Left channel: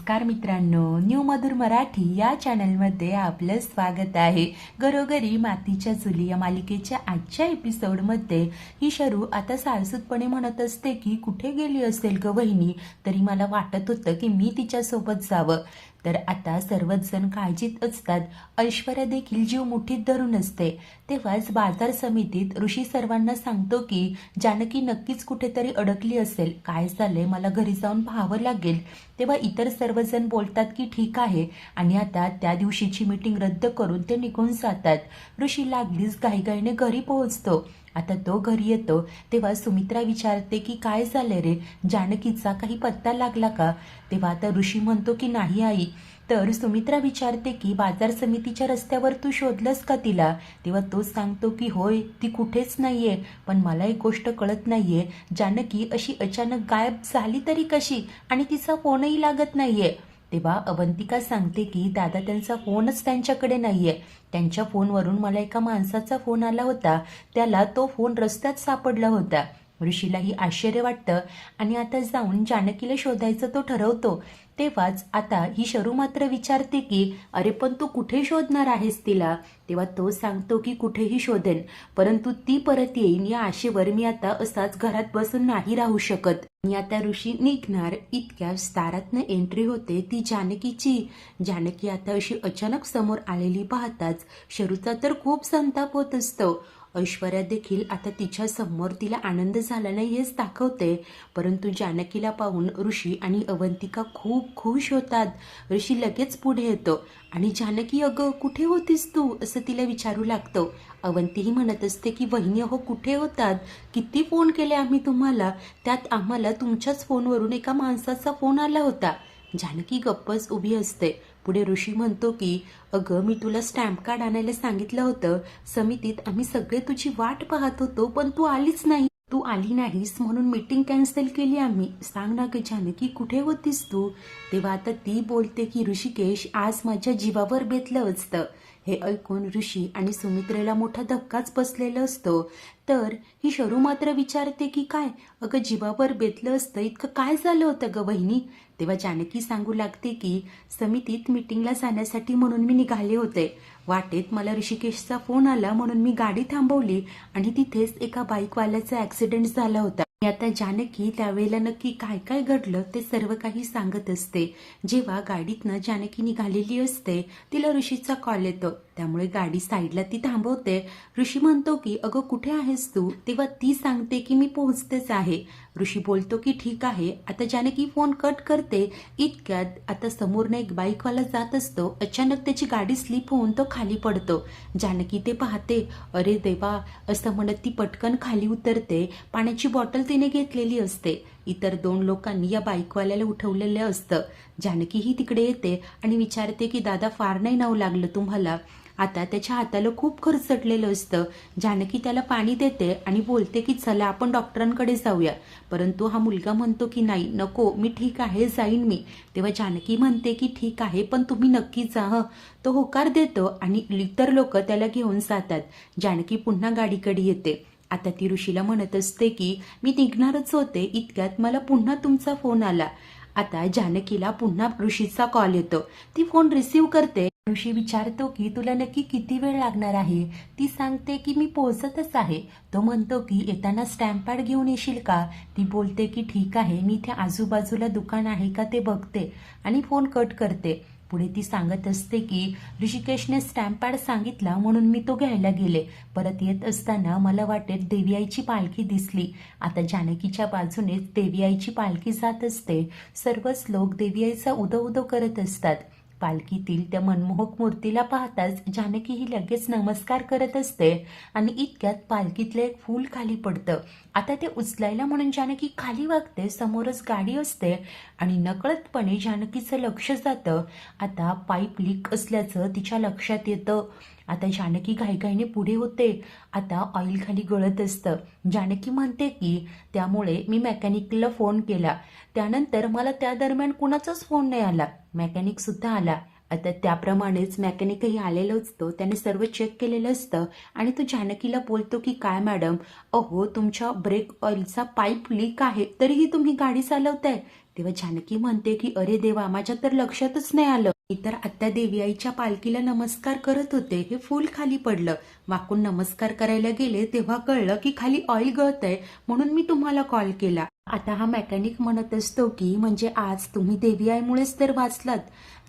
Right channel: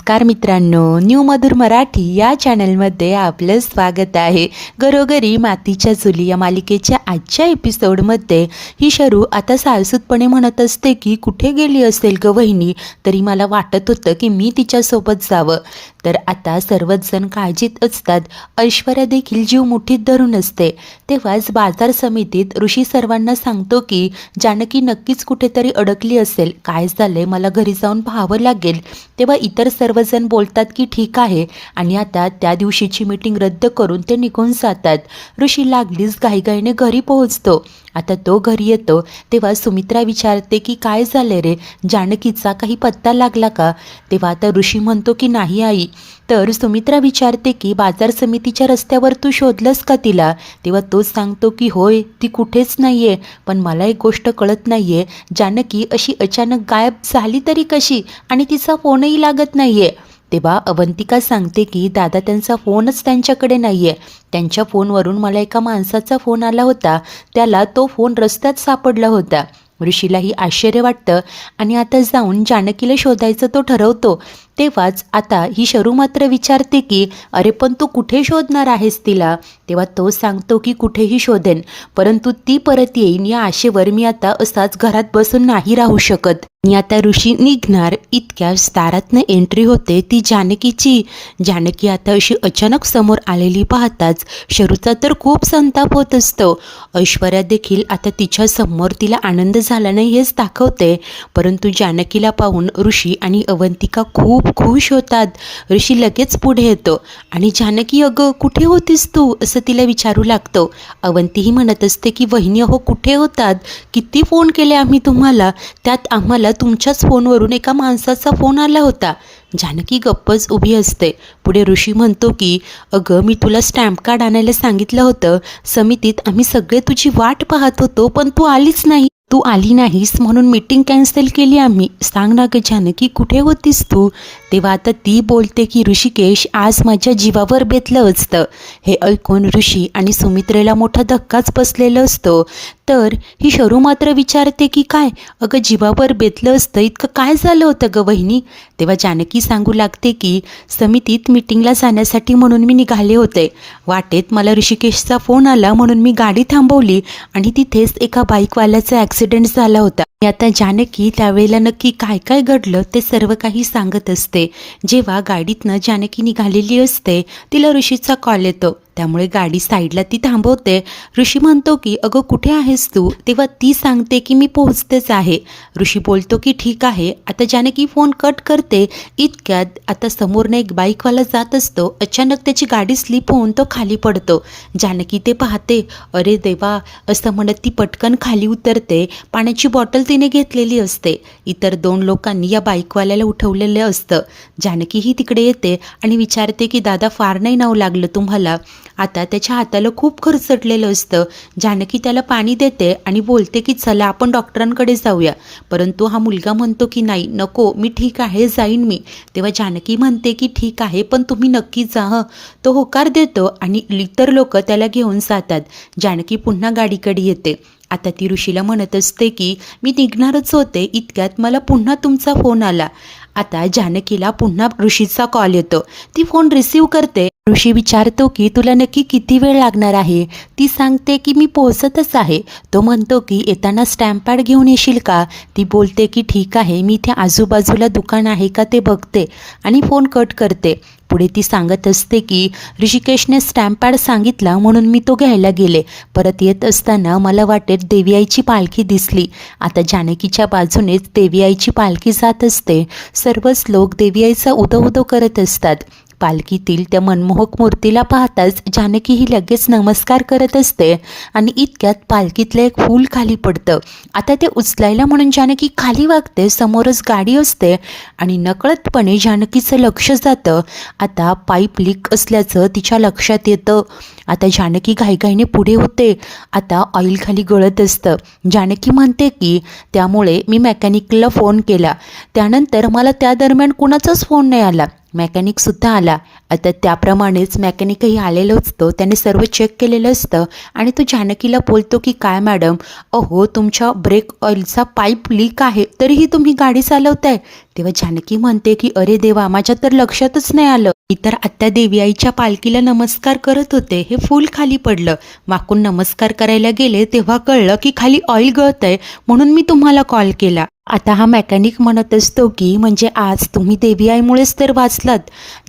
नमस्कार मित्रांनो, न्यू मधुर मराठी या चॅनलमध्ये आपलं स्वागत आहे। घरोघरी मातीच्या चुली या मालिकेच्या आजच्या एपिसोडमध्ये ही शरू आता साळसूतपणे म्हणत असते की कुठे गेली असेल ग वहिनी, तरी मला वाटत होतं की मी तिच्यासोबत जावं। तर आता सर्वच जण काळजीत असतात, ऐश्वर्या देखील जीव मुठीत धरून असते। तेव्हाच बाजार समितीत ऋषी सर्वांना सांगतो की जानकी नक्कीच कुठेतरी अडकली असेल, काय झालंय मला घरी जाऊन पाहावं लागेल। तेव्हा इतर सर्वजण बोलतात की ठीक आहे आणि आता त्या दिवशीची मीटिंग रद्द करून ते निघून जातात। ऋषी लागलीच घाईघाईने घरी पोहोचतो। आता तो घरी येतो तेव्हा सुमित्रा विचारते की काय झाले रे, जानकीचा काही पत्ता लागला का? तेव्हा आता ऋषी म्हणतो की नाही आई। तर सुमित्रा विचारते की बाजार समितीच्या रस्त्यावर तू शोधलंस का तिला? तेव्हा तो सांगतो की होय, ती कुठेच नाही आहे, पण मला एक गोष्ट कळत नाही आहे, जानकी अशी अचानक गायब झाली तरी कशी आणि तिचा फोनही लागत नाही आहे। तेव्हा अवंतिका सांगते की दादा त्यांचा फोनच त्यांच्याकडे नाही आहे, त्यांच्या फोनवरून मला एका माणसाचा फोन आला होता, त्याला तो फोन रस्त्यात सापडला होता। ऋषीलाही आश्चर्य वाटतं आणि आता जाऊन जानकीला शोधायचं तो ठरवतो। तेव्हाच आता ही शरू मात्र विचारते की अरे पण तू कुठे शोधणार आहेस तिला? तेव्हा तो सांगतो की कुठेही शोधेन, परंतु ती परत येईन या आशेवर मी आता असाच घरात बसून नाही राहू शकत। आणि आता ऋषी निघणार इतक्या दारातनं एंट्री होते ती जानकीची। जानकी आता अशी अचानक समोर आलेली पाहताच शरूचा तर खूप संताप होत असतो। ऐश्वर्या देखील आता तिच्या समोर तिला आनंद झाला नाही हेच दाखवते, परंतु जानकीला पाहून ऋषी आणि अवंतिका खूप खुश होतात। ऋषी लगेच पुढे येतो आणि जानकी अगं कुठे होतीस तू असं तिला विचारू लागतो। अवंतीही म्हणत असते की वहिनी अहो कुठे होतात, किती फोन केले आम्ही तुम्हाला, त्यात आम्हाला तुमच्याच फोनवरून एका माणसाचा फोन आला होता। जानकी गप्पच उभी असते। पुढे ऋषी म्हणतो की अगं मी तुला स्टॅम्प कार्ड आणायला सांगितलं होतं, समितीत आम्ही सगळे तुझी वाट पाहत होतो पण तू आलीच नाही, तू आली नाहीस म्हणून मीटिंग कॅन्सल केली आम्ही, सांग ना ग जानकी कुठे होतीस तू? तेव्हा आता ती बोलते की ऋषिकेश आज माझ्या जीवावर बेतलं असतं। हे ऐकून ऋषी आणि सुमित्रेला मोठा धक्काच बसलेला असतो। तर ही शरू मात्र विचारते की काय अगं जीवावर बेतलं असतं, इतकं काय झालं होतं ग वहिनी? तेव्हा जानकी सांगू लागते की समितीत मीटिंगला जाण्यासाठी म्हणून मी निघाले होते, वाटेत मला ऋषिकेशचा फोन आला म्हणून मी गाडी थांबवली आणि तिथेच एका बाईकवाल्याचा ॲक्सिडेंट झाला होता। आता जानकी त्यावेळेला नक्की काय काय घडलं ते सर्व काही सांगत असते। जेव्हा गाडीतनं जानकी निघालेली असते तिला ऋषीचा कॉल येतो, त्यामुळे गाडी साईडला ती थांबवते। ऋषी म्हणतो की अगं कुठे आहेस तू? तेव्हा ती सांगते की मी पोहोचतेच आहे। ऋषी बोलतो की ठीक आहे। आता जानकी फोन कट करते इतक्यात आता समोरनं एक बाईकवाला जात असतो, अचानक त्याची गाडी स्लिप होऊन तो खाली पडतो। जानकी ते पाहते, अरे देवा असं म्हणत ती पटकन खाली उतरते। पाण्याची बॉटल तिने घेतलेली असते, इतर दोन लोकांनी या बाईकवाल्याला उठवलेलं असतं। जानकीही तिकडे येते आणि विचारते की दादा फार नाही नाव लागलं तुम्हाला? आता त्याच्या हाताला खूप खरचटलेलं असतं। जानकी त्याला पाणी देते आणि बोलते की चला आपण डॉक्टरांकडे जाऊया, परंतु हा मुलगा म्हणतो की नाही नको, मी ठीक आहे जाईन मी। तेव्हा जानकी म्हणते की ठीक आहे पण तुम्ही नक्की जा हं। तो होकार देतो आणि इतर लोक त्याला घेऊन जातात। जानकी पुन्हा गाडीकडे येते। आता ती ऋषीला म्हणत असते की मी निघणारच होते इतक्यात मला पुन्हा तुमचा फोन आला। आता जानकीला पुन्हा ऋषीचा कॉल येतो, ती फोन रिसीव करते। ऋषी विचारतो की तुला नक्की किती वेळ लागणार आहे? ती सांगते की मी पोहोचतच आहे। तो म्हणतो की येताना स्टॅम्प पॅड घेऊन येशील का? ती बोलते की ठीक आहे, मी इथे आजूबाजूला दुकान आहे का ते बघते आणि फोन कट करते। पुढे ती सांगत असते की ऋषिकेशने स्टॅम्प पॅड सांगितला म्हणून मी तो घ्यायला गेले, परत येत असताना मला वाटेत देवी आईची पालखी दिसली। आता जानकीच्या बाजूनेच देवी आईची पालखी जात असते। सर्वच लोक देवी आईचा उदो उदो करत असतात। पालखीतील त्या मनमोहक मूर्तीला पाहताच जानकी ही लगेच नमस्कार करत असते आणि इतक्यात पालखीतलं एक फूल खाली पडतं। आता ते उचलायला म्हणून जानकी खाली वागते, समोरच गाडी असते आणि नकळतपणे जानकीचं लक्ष जातं। आता पाईप लीक असल्याचं तिच्या लक्षात येतं। आता जानकी घाईघाईने पुढे होते। आता ऑइल खाली गळत असतं। जानकी म्हणते की त्यामुळे मी मेकॅनिकला फोन केला, त्यानंतर मला त्या दरम्यान कुणाचाच फोन नाही आला, मेकॅनिकसुद्धा आला. आता त्याप्रमाणेच मेकॅनिकही आलेलं असतं. त्याने सर्व चेक केलेलं असतं आणि तो जानकीला बोलतो की काय मॅडम, अहो तुमच्या ब्रेक ऑइलचा पाईप लीक आहे, तरीही तुम्ही गाडी चालवताय. तेव्हा जानकी म्हणते की अरे देवा, माझ्या तर लक्षातच नाही आलं. मी तर आत्या देवी आईच्या पालखीला नमस्कार करत होते, हे फूल खाली पडलं. वाकून नमस्कार करायला गेले तेव्हा कळलं की खाली ऑइल गळतंय, म्हणून मी तुम्हाला कॉल केला. आता हा मेकॅनिक म्हणत असतो की म्हणजे आज तुम्ही देवी आईमुळेच तर वाचलात.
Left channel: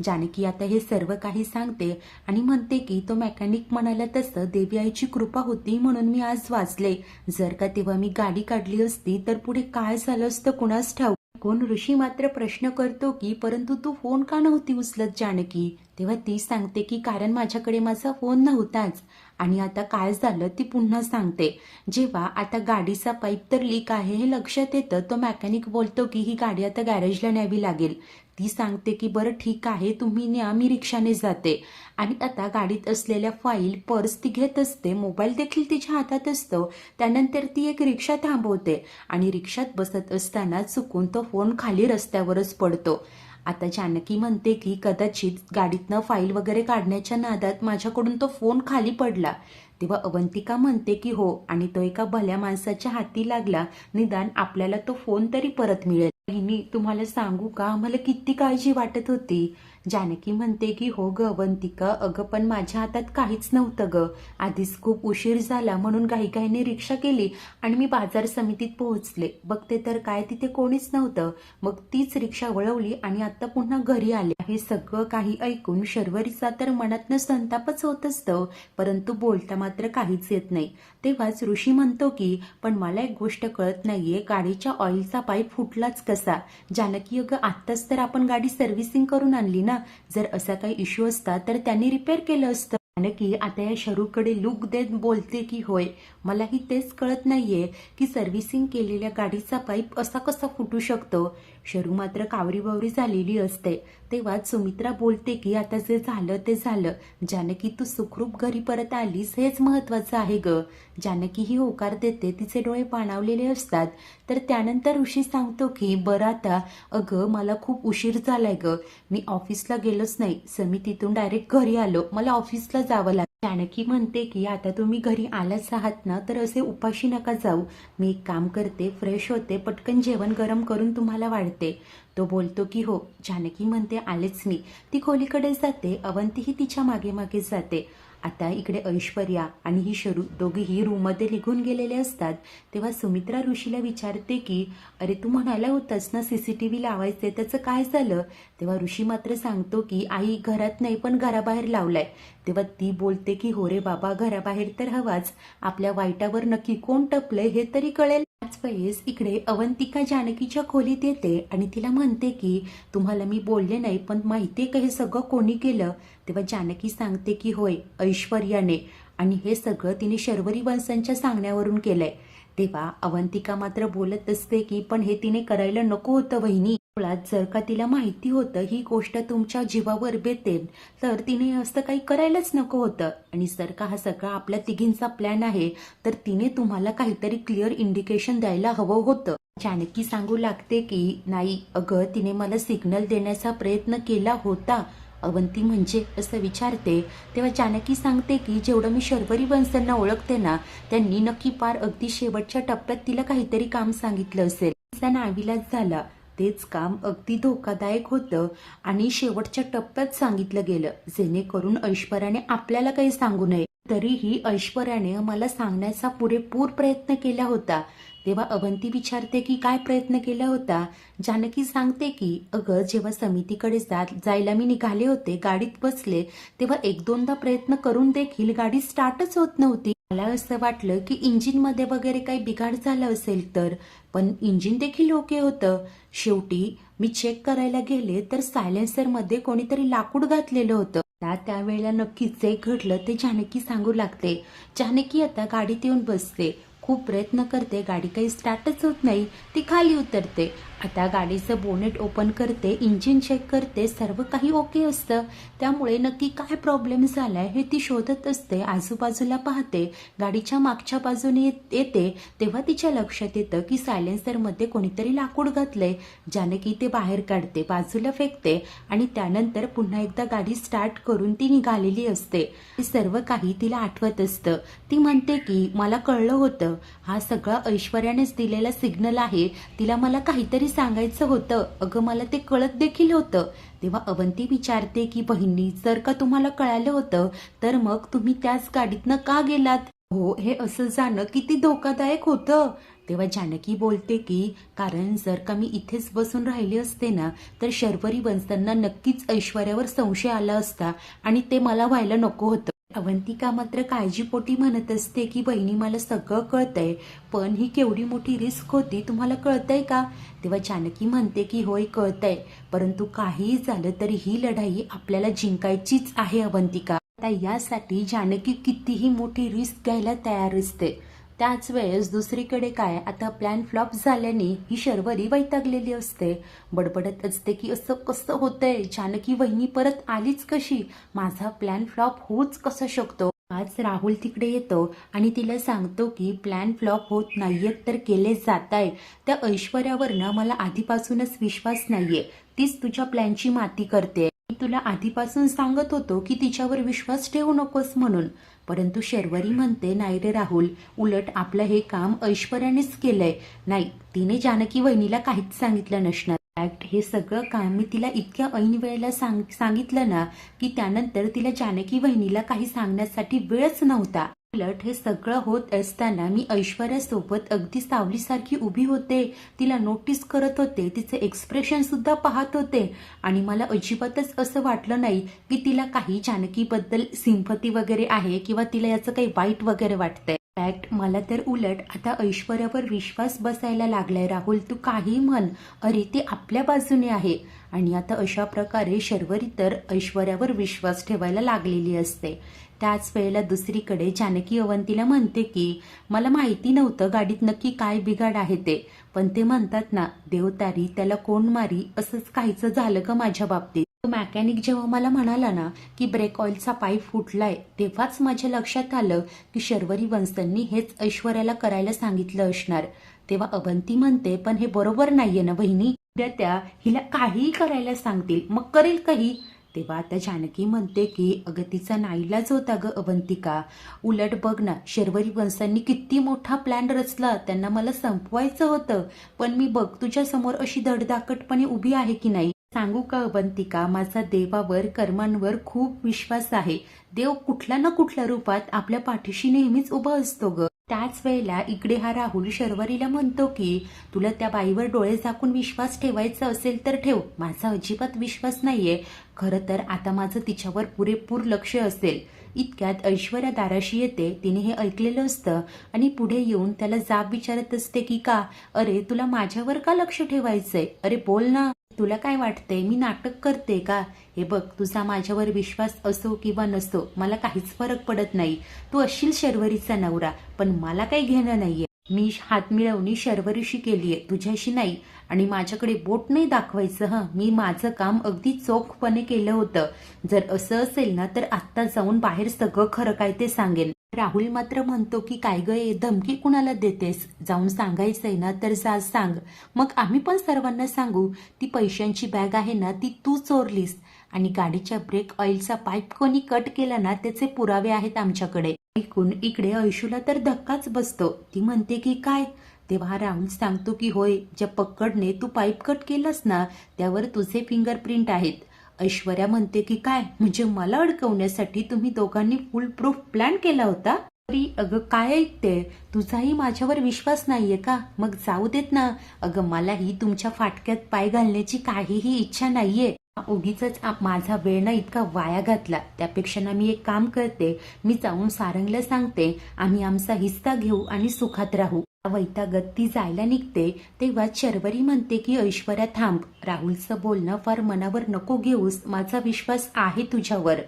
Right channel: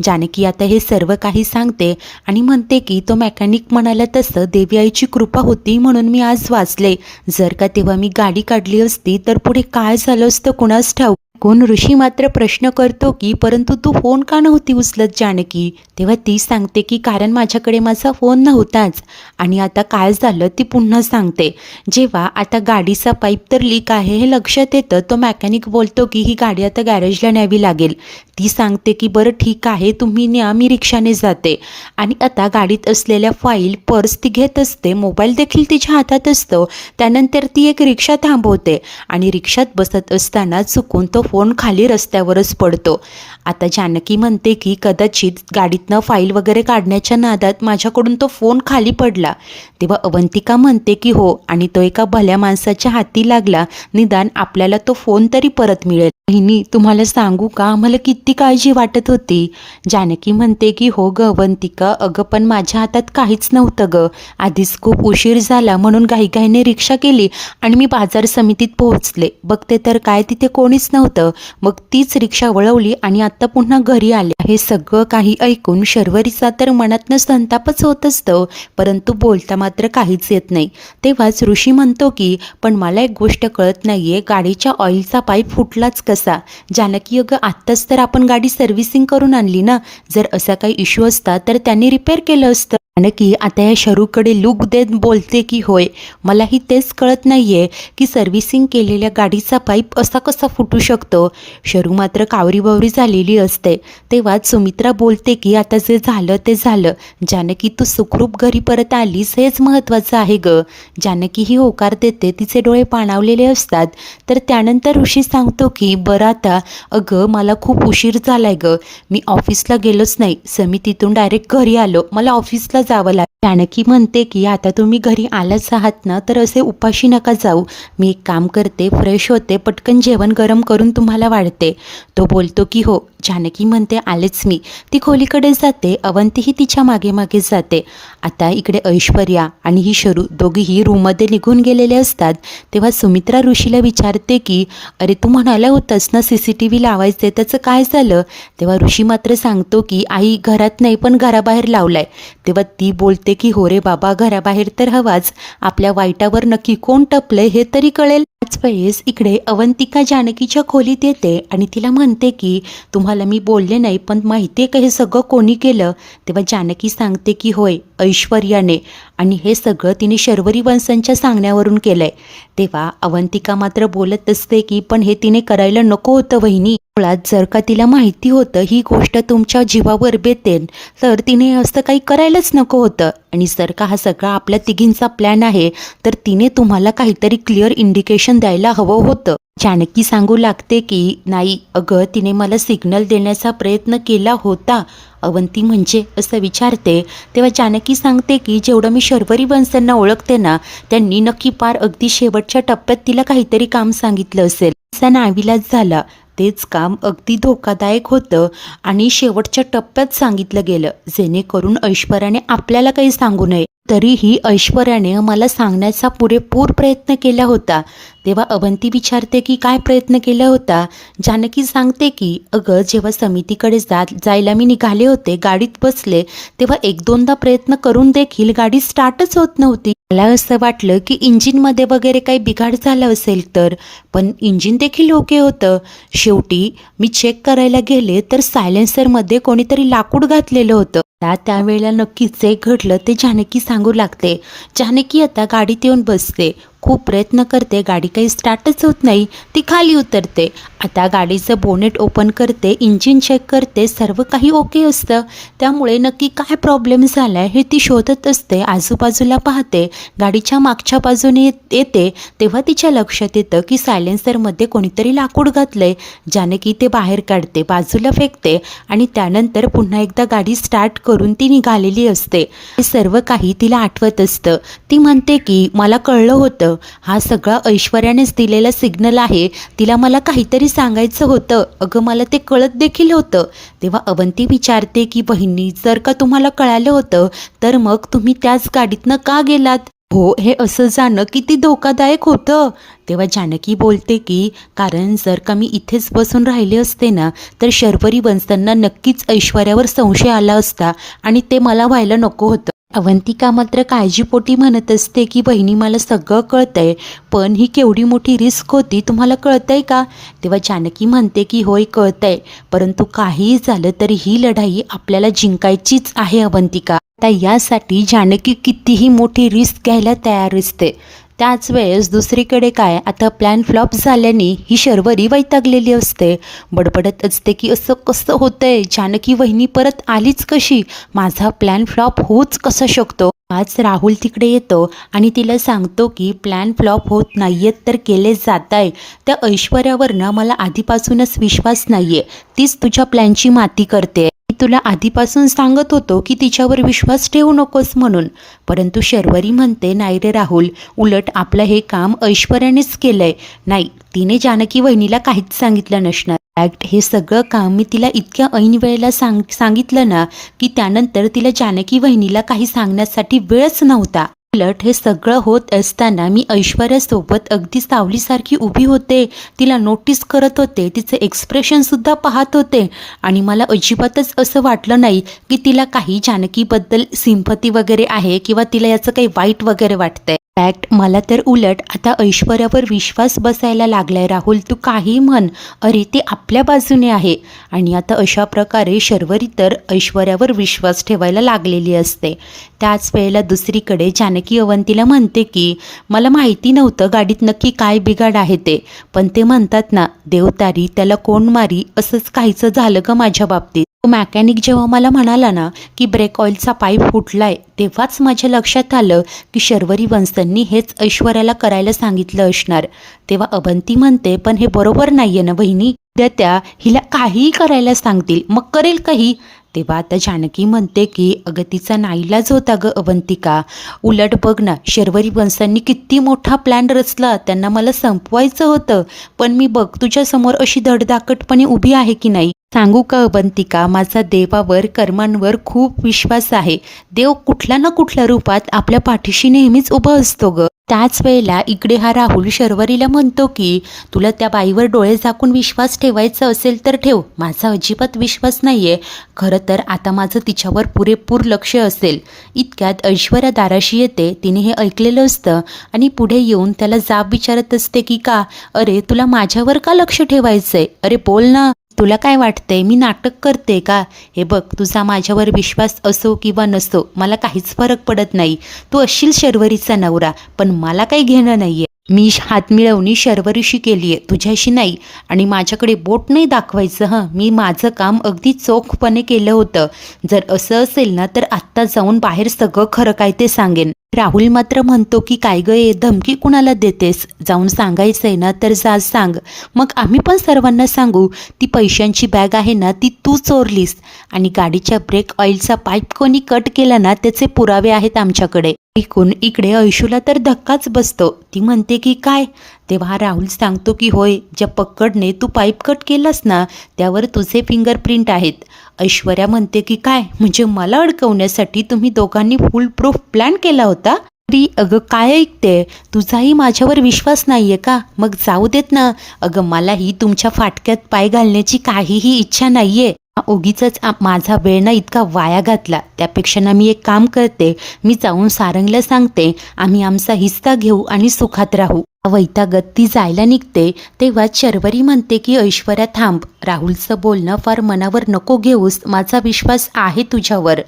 जानकी आता हे सर्व काही सांगते आणि म्हणते की तो मेकॅनिक म्हणाला तसं देवी आईची कृपा होती म्हणून मी आज वाचले. जर का तेव्हा मी गाडी काढली असती तर पुढे काय झालं असतं कुणास ठाऊक. कोण ऋषी मात्र प्रश्न करतो की परंतु तू फोन का नव्हती उचलत जानकी. तेव्हा ती सांगते की कारण माझ्याकडे माझा फोन नव्हताच. आणि आता काय झालं ती पुन्हा सांगते. जेव्हा आता गाडीचा पाईप तर लीक आहे हे लक्षात येतं, तो मेकॅनिक बोलतो की ही गाडी आता गॅरेजला न्यावी लागेल. ती सांगते की बरं ठीक आहे तुम्ही न्या, मी रिक्षाने जाते. आणि आता गाडीत असलेल्या फाईल पर्स ती घेत असते, मोबाईल देखील तिच्या हातात असतो. त्यानंतर ती एक रिक्षा थांबवते आणि रिक्षात बसत असताना चुकून तो फोन खाली रस्त्यावरच पडतो. आता जानकी म्हणते की कदाचित गाडीतनं फाईल वगैरे काढण्याच्या नादात माझ्याकडून तो फोन खाली पडला. तेव्हा अवंतिका म्हणते की हो, आणि तो एका भल्या माणसाच्या हाती लागला, निदान आपल्याला तो फोन तरी परत मिळेल. बहिणी तुम्हाला सांगू का, आम्हाला किती काळजी वाटत होती. जानकी म्हणते की हो ग अवंतिका, अगं पण माझ्या हातात काहीच नव्हतं ग. आधीच खूप उशीर झाला म्हणून घाईघाईने रिक्षा केली आणि मी बाजार समितीत पोहोचले. बघते तर काय तिथे कोणीच नव्हतं. मग तीच रिक्षा वळवली आणि आता पुन्हा घरी आले. हे सगळं काही ऐकून शर्वरीचा तर मनातनं संतापच होत असतं, परंतु बोलता मात्र काहीच येत नाही. तेव्हाच ऋषी म्हणतो की पण मला एक गोष्ट कळत नाहीये, गाडीच्या ऑइलचा पाईप फुटलाच कसा. जानकी अगं आत्ताच तर आपण गाडी सर्व्हिसिंग करून आणली ना, जर असा काही इश्यू असता तर त्यांनी रिपेअर केलं असतं. जानकी आता या शरूकडे लूक देत बोलते की होय, मलाही तेच कळत नाहीये की सर्व्हिसिंग केलेल्या गाडीचा पाईप असा कसा फुटू शकतो. शरू मात्र कावरीबावरी झालेली असते. तेव्हाच सुमित्रा बोलते की आता जे झालं ते झालं, जानकी तू सुखरूप घरी परत आलीस हेच महत्त्वाचं आहे ग. जानकी ही होकार देते, तिचे डोळे पाणावलेले असतात. तर त्यानंतर ऋषी सांगतो की बरं आता अगं मला खूप उशीर झालाय ग, मी ऑफिसला गेलोच नाही, समितीतून डायरेक्ट घरी आलो, मला ऑफिसला जावं लागलं. जानकी म्हणते की आता तुम्ही घरी आलाच आहात ना, तर असे उपाशी नका जाऊ. मी एक काम करते, फ्रेश होते, पटकन जेवण गरम करून तुम्हाला वाढते. तो बोलतो की हो. जानकी म्हणते आलेच मी. ती खोलीकडे जाते, अवंतीही तिच्या मागे मागे जाते. आता इकडे ऐश्वर्या आणि ही शरू दोघीही रूममध्ये निघून गेलेले असतात. तेव्हा सुमित्रा ऋषीला विचारते की अरे तू म्हणाला होतास ना CCTV लावायचे, त्याचं काय झालं. तेव्हा ऋषी मात्र सांगतो की आई घरात नाही पण घराबाहेर लावलाय. तेव्हा ती बोलते की हो रे बाबा, घराबाहेर तर हवाच, आपल्या वाईटावर नक्की कोण टपलंय हे तरी कळेल. त्याच वेळेस इकडे अवंतिका जानकीच्या खोलीत येते आणि तिला म्हणते की तुम्हाला मी बोलले नाही पण माहिती आहे का हे सगळं कोणी केलं. तेव्हा जानकी सांगते की होय, ऐश्वर्याने, आणि हे सगळं तिने शर्वरी वंशांच्या सांगण्यावरून केलंय. तेव्हा अवंतिका मात्र बोलत असते की पण हे तिने करायला नको होतं वहिनी. मुळात जर का तिला माहिती होतं ही गोष्ट तुमच्या जीवावर बेतेन तर तिने असं काही करायलाच नको होतं. आणि जर का हा सगळा आपल्या तिघींचा प्लॅन आहे तर तिने तुम्हाला काहीतरी क्लिअर इंडिकेशन द्यायला हवं होतं. जानकी सांगू लागते की नाही अगं, तिने मला सिग्नल देण्याचा प्रयत्न केला होता. अवंती म्हणजे असं विचारते. तेव्हा जानकी सांगते की जेवढं मी शर्वरी वंशांना ओळखते ना, त्यांनी नक्की पार अगदी शेवटच्या टप्प्यात तिला काहीतरी काम सांगितलं असेल. तिचा नाईलाज झाला. तेच काम अगदी धोकादायक होतं आणि शेवटच्या टप्प्यात सांगितलं गेलं, जेणेकरून ऐश्वर्याने आपल्याला काही सांगू नये. तरीही ऐश्वर्याने मला सांगण्याचा पुरेपूर प्रयत्न केला होता. तेव्हा अवंती विचारते की काय प्रयत्न केला होता. जानकी सांगते की अगं जेव्हा समितीकडे जायला मी निघाले होते, गाडीत बसले, तेव्हा एक दोनदा प्रयत्न करून देखील गाडी स्टार्टच होत नव्हती. मला असं वाटलं की इंजिनमध्ये वगैरे काही बिघाड झाला असेल तर, पण इंजिन देखील ओके होतं. शेवटी मी चेक करायला गेले तर सायलेन्सरमध्ये कोणीतरी लाकूड घातलेलं होतं. त्यावेळेला नक्कीच जे घडलं ते जानकी सांगू लागते. जानकी आता गाडीत येऊन बसते. खूप प्रयत्न करते, गाडी काही स्टार्टच होत नाही. ती खाली उतरते. आता गाडीचं बोनेट ओपन करते, इंजिन चेक करते, सर्व काही ओके असतं. त्यामुळे नक्की काय प्रॉब्लेम झाला आहे हे ती शोधत असते. आजूबाजूला पाहते, गाडीच्या मागच्या बाजूने येते तेव्हा तिच्या लक्षात येतं की सायलेन्सरमध्ये कोणीतरी लाकूड घातलंय. जानकी ते बाहेर काढते, बाजूला फेकते आणि त्यानंतर पुन्हा एकदा गाडी स्टार्ट करून ती निघालेली असते. हे सर्व काही तिला आठवत असतं. ती म्हणते की मला कळलं होतं, हा सगळा ऐश्वर्यानेच दिलेला सिग्नल आहे. तिला मला काहीतरी सांगायचं होतं. अगं मला ते कळत देखील होतं. तेव्हा अवंती विचारते की बहिणी, जर का तुम्हाला कळालं होतं तर मग तुम्ही त्याच गाडीतनं का गेलात? हो, हे असं जाणं किती धोकादायक होतं. तेव्हा जानकी बोलते की कारण जर का मी इथेच बसून राहिले असते ना तर शर्वरी वंशांना नक्कीच ऐश्वर्यावर संशय आला असता आणि ते मला व्हायला नको होतं. अवंतिका मात्र काळजीपोटी म्हणत असते की बहिणी मला सगळं कळतंय, पण ही केवढी मोठी रिस्क होती तुम्हाला कळतंय का? तेव्हा जानकी म्हणते की होय कळतंय, परंतु काहीही झालं तरी ही लढाई आपल्याला जिंकायचीच आहे अवंतिका. आता यासाठी जानकी कितीही मोठी रिस्क घ्यायला तयार असते. त्याच वेळेस दुसरीकडे काय, आता प्लॅन फ्लॉप झाल्याने ही शर्वरी वैतागलेली असते. बडबडत असते की असं कसं होतंय, जानकी वहिनी परत आलीच कशी, माझा प्लॅन फ्लॉप होऊच कसा शकतो. आज राहुल तिकडे येतो आणि तिला सांगतो की प्लॅन फ्लॉप होत नाहीयेत तर केले जात आहे. त्या ऐश्वर्यावरनं मला आधीपासूनच विश्वास नाहीये, तीच तुझ्या प्लॅनची माती करते. मी तुला आधीपासून सांगत होतो की तिच्यावर विश्वास ठेवू नकोस म्हणून. परंतु शर्वरी म्हणते नाही रे राहुल, उलट आपलं हे काम ऐश्वर्यानेच केलंय. नाही, तिने जानकी वहिनीला काहीच सांगितलं नसणार. फॅक्ट हे सगळं काम मी तिला इतक्या ऐन वेळेला सांगितलं ना की त्यानंतर तिला जानकी वहिनीला काही सांगण्यासाठी वेळच नव्हता. उलट हे सगळं होत असताना मी ऐश्वर्यासोबत अगदी सावलीसारखी उभी होते, तिला नोटीस करत होते, तिचे एक्सप्रेशनसुद्धा पाहत होते आणि मला अजिबातच असं वाटलं नाही की तिला काही जानकीबद्दल सिंपती वगैरे आहे किंवा तिला याचं काही वाईट वगैरे वाटतंय. फॅक्ट मला तर उलट आता ऐश्वर्यावर विश्वास बसायला लागलाय. राहुल तू काही म्हण, अरे ते आपल्या बाजूने आहे. आणि आता अशा प्रकारे शर्वरी तर ऐश्वर्यावर विश्वास ठेवायला लागलेली असते. त्याच वेळेला दुसरीकडे जानकी अवंतीला म्हणते की मला माहिती नव्हतं गाडीत नक्की काय बिघाड आहे ते, पण ते म्हणतात ना देव तारी त्याला कोण मारी, असंच काहीचं झालं ग माझ्या बाबतीत. तो मॅकॅनिक जेव्हा मला म्हणाला ना की ब्रेक ऑइलचा पाईप फुटलाय तेव्हाच माझ्या लक्षात आलं की शर्वरी वंशांनी हेच ऐश्वर्याला करायला सांगितलं असणार. तेव्हा अवंती म्हणते पण हे बरोबर नाहीये ना बहिणी, उद्या त्या हिला काहीही करायला सांगतील मग करेल काही. तेव्हा आता जानकी म्हणते की अगं तिचा नाईलाज होता ग अवंतिका. उलट बघ ना शर्वरी वंशांनी किती मोठा प्लॅन रचला, त्यांना मला संपवायचं होतं, पण मी बघ तुझ्यासमोर अशी धडधाकटपणे उभी आहे की नाही. सांगू का अवंतिका, माझा देवावर कर्मांवर खूप विश्वास आहे. देव कुठल्या ना कुठल्या रूपात आपल्या पाठीशी नेहमीच उभा असतो ग. त्याच वेळेला इकडे हा राहुल शर्वरीला म्हणतो की तुला त्या बाईवर डोळे झाकून विश्वास ठेवायचा असेल तर ठेव, माझा अजिबात विश्वास नाहीये. खरं तर आता माझं तिच्यावर पुरेपूर लक्ष असेल. इतक्यात ऐश्वर्या दाराशी येते. तिने हे ऐकलेलं असतं आणि पुढे येऊन त्याला जाब विचारत असते की का, अरे तुला माझ्यावर का लक्ष ठेवायचंय, अरे बोल ना, तुला काय वाटतंय मी नाटक करते का? हे बघ तुझा माझ्यावर विश्वास असो किंवा नसो मला काहीच फरक पडत नाही. तू असशील शर्वरीचा नवरा, पण मला काही घेणं नाहीये. मी हात मिळवणी शर्वरीशी केली आहे, तुझ्याशी नाही. आणि माझ्याकडे बोट नाही दाखवायचं हं, मी माझं काम अगदी चोखपणे केलं होतं. जर असं असेल ना तर आत्ता जाऊन बाहेर सगळं खरं काय ते सांगेन. राहुल मात्र म्हणतो की काय ग ये धमकी कुणाला देतेस, जाऊन सांगायचंय ना तर जा सांग, मग आम्ही पण सर्वांना सांगू. ती पैशांची बॅग आहे ना ती तू चोरलीस आणि गाडीच्या ब्रेक ऑइलचा पाईप कोणी कट केला ना त्याचे पुरावे आहेत आमच्याकडे. ऐकून इकडे ऐशूला तर धक्काच बसतो. ती म्हणते की काय? तेव्हा राहुल सांगतो की होय, ज्या पक्कडने तू पाईप कट केलास ना त्यावर तुझे फिंगरप्रिंट आहेत. ऐश्वर्या म्हणते की काय, म्हणजे मला अडकवण्यासाठी तुम्ही दोघांनी फुल प्रूफ प्लॅन केला होता? अरे अगं काय ऐकते, तुझाही माझ्यावर विश्वास नाहीये का? मग जाऊ देत ना. अगं मलाही तुमच्या फाटक्यात पाय घालण्याची काहीही इच्छा नाहीये. उगीच माझा वेळ ना इतका वाया घातला, त्यापेक्षा ना मी एक काम करते, मी जाऊन सारंगला सांगते, आम्ही आमचा हिस्सा घेऊ आणि सुखात राहू. वैतागत ती जायला निघते तेव्हा शर्वरी म्हणते की ऐश्वर्या थांब, राहुलचं बोलणं फार मनावर नको घेऊस, माझा विश्वास आहे तुझ्यावर.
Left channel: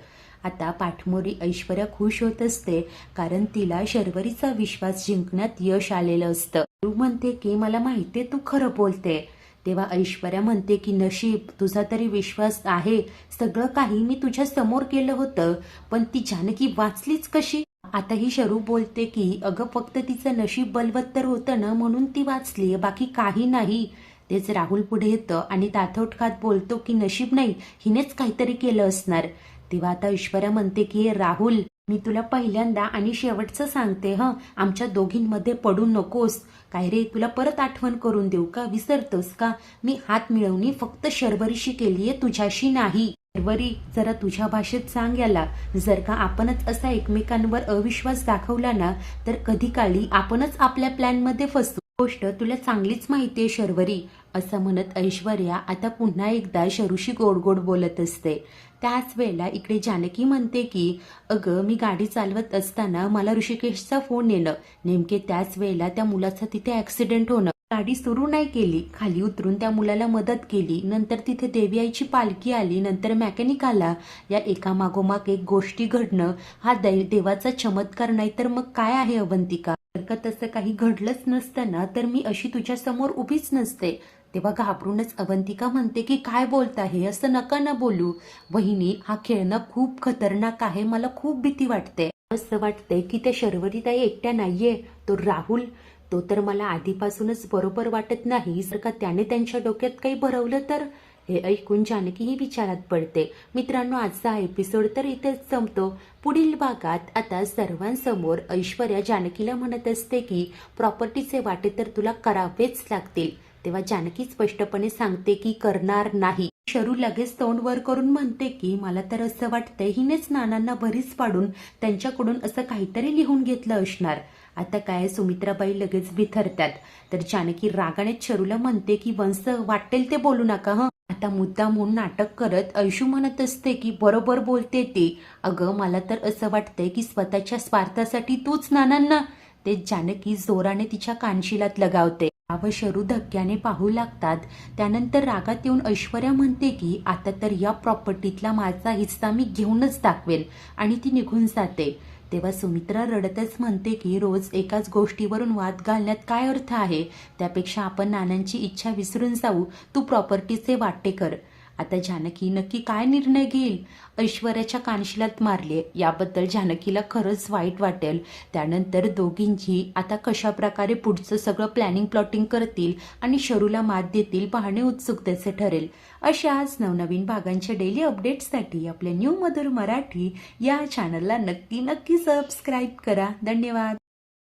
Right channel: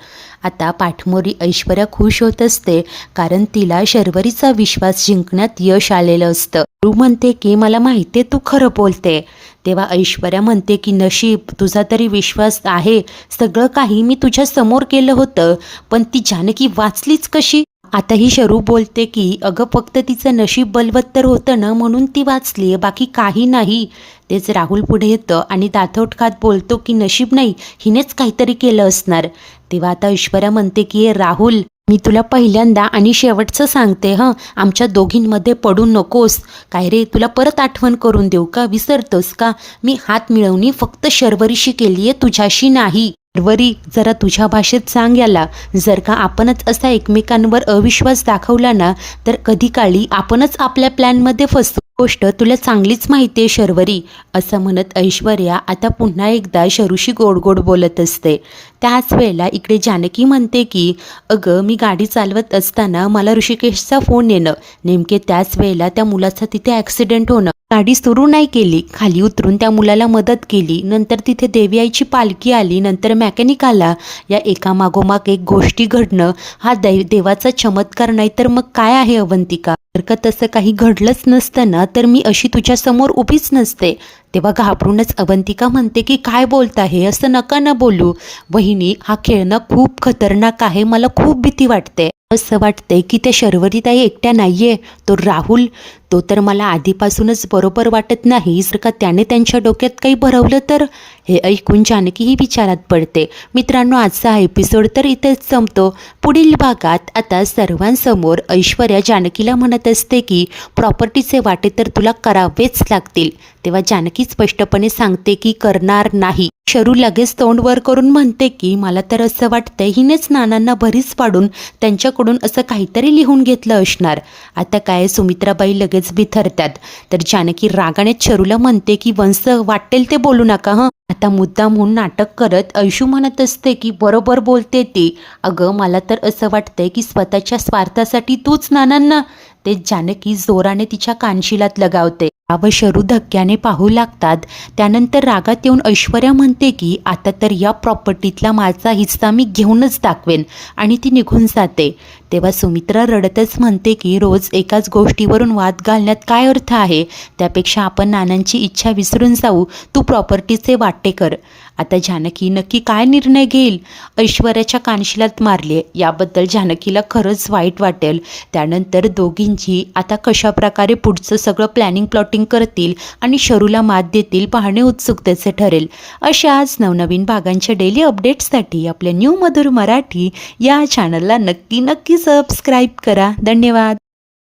आता पाठमोरी ऐश्वर्या खुश होत असते कारण तिला शर्वरीचा विश्वास जिंकण्यात यश आलेलं असतं. तू म्हणते की मला माहिती आहे तू खरं बोलते. तेव्हा ऐश्वर्या म्हणते की नशीब, तुझा तरी विश्वास आहे, सगळं काही मी तुझ्या समोर केलं होतं, पण ती जानकी वाचलीच कशी. आता ही शरू बोलते की अगं फक्त तिचं नशीब बलवत्तर होतं ना म्हणून ती वाचली, बाकी काही नाही. तेच राहुल पुढे येतं आणि दातोट खात बोलतो की नशीब नाही, हिनेच काहीतरी केलं असणार. तेव्हा आता ऐश्वर्या म्हणते की राहुल, मी तुला पहिल्यांदा आणि शेवटचं सांगते हं, आमच्या दोघींमध्ये पडू नकोस. काय रे, तुला परत आठवण करून देऊ का, विसरतोस का? मी हात मिळवणी फक्त शर्वरीशी केली आहे, तुझ्याशी नाही. शर्वरी, जरा तुझ्या भाषेत सांग याला. जर का आपणच असा एकमेकांवर अविश्वास दाखवला ना तर कधी काळी आपणच आपल्या प्लॅनमध्ये फसतो. गोष्ट तुला चांगलीच माहिती आहे शर्वरी. असं म्हणत ऐश्वर्या आता पुन्हा एकदा शरूशी गोड गोड बोलत असते. त्याच वेळेला इकडे जानकी म्हणते की अगं मी गाडी चालवत असताना मला ऋषिकेशचा फोन येणं, नेमके त्याच वेळेला त्या मुलाचा तिथे ॲक्सिडेंट होणं. गाडी सुरू नाही केली, खाली उतरून त्या मुलाला मदत केली, नंतर तिथे देवी आईची पालखी आली, नंतर मॅकॅनिक आला. या एकामागोमाग एक गोष्टी घडणं हा देवाचा चमत्कार नाही तर मग काय आहे अवंतिका. जर का तसं काही घडलंच नसतं ना तर मी अशी तुझ्यासमोर उभीच नसते. तेव्हा घाबरूनच अवंतिका म्हणते की काय बोलता हे, असं नका ना बोलू. वहिनी, हा खेळणं खूप खतरनाक आहे, मला खूप भीती वाटते. असं वाटतंय की त्या शर्वरीताई एकट्या नाहीये, तो राहुल, तो तर मला आधीपासूनच बरोबर वाटत नाही. जर का त्याने त्यांच्या डोक्यात काही भरवलं तर. हे ऐकून जानकी ही विचारात पडते. मित्रांनो, आजचा हा एपिसोड तर इथेच संपतो. पुढील भागात आता सर्वांसमोर ऐश्वर्या जानकीला म्हणत असते की प्रॉपर्टीचे वाटे तर तुला करावेच लागतील. तेव्हा जानकी स्पष्टपणे सांगते की करणार नाही. शरू लगेच तोंड वर करून म्हणते की मला तर असं वाटतंय हिनेच नानांना भरीस पाडून त्यांच्याकडून असं काहीतरी लिहून घेतलं असणार. आता काय, सुमित्राबाई लगेच बिथरतात. तर जानकी रागाने शरूला म्हणते की वंश वाटेल ते बोलू नका हं. आता मुद्दाम म्हणून नाटक करत ऐशू म्हणत असते की बरोबर बोलते ती. अगं मला तर असं वाटतंय की स्वतःच्या स्वार्थासाठी तूच नानांना. ते जानकी जोराने तिच्या कानशिलात लगावते. व शरू धक्क्याने पाहू लागतात. त्यानंतर रागात येऊन ऐश्वर्या म्हणते की आता तर या प्रॉपर्टीतला माझा हिस्सा मी घेऊनच दाखवेन आणि ती निघून जाते. तेव्हा सुमित्रा रडतच म्हणते की रोज एकाच गोष्टीवरून वाद घालण्यात काय अर्थ आहे, त्यापेक्षा आपण नानांची इच्छा विसरून जाऊ, तू प्रॉपर्टीचे वाटे कर. आता जानकी नक्की काय निर्णय घेईल. ऐश्वर्याच्या कानशिलात मारले याबद्दल जानकीला खरंच वाईट वाटेल. त्यानंतर दोघींची आता कशा प्रकारे पुढचं सगळं प्लॅनिंग प्लॉटिंग करतील आणि शरूला मात देतील पाहणे उत्सुकतेचे ठरेल. अशाच नवनवीन भागांच्या डेली अपडेट्ससाठी आपल्या न्यू मधुर मराठी या चॅनलला नक्की सबस्क्राईब करा. धन्यवाद.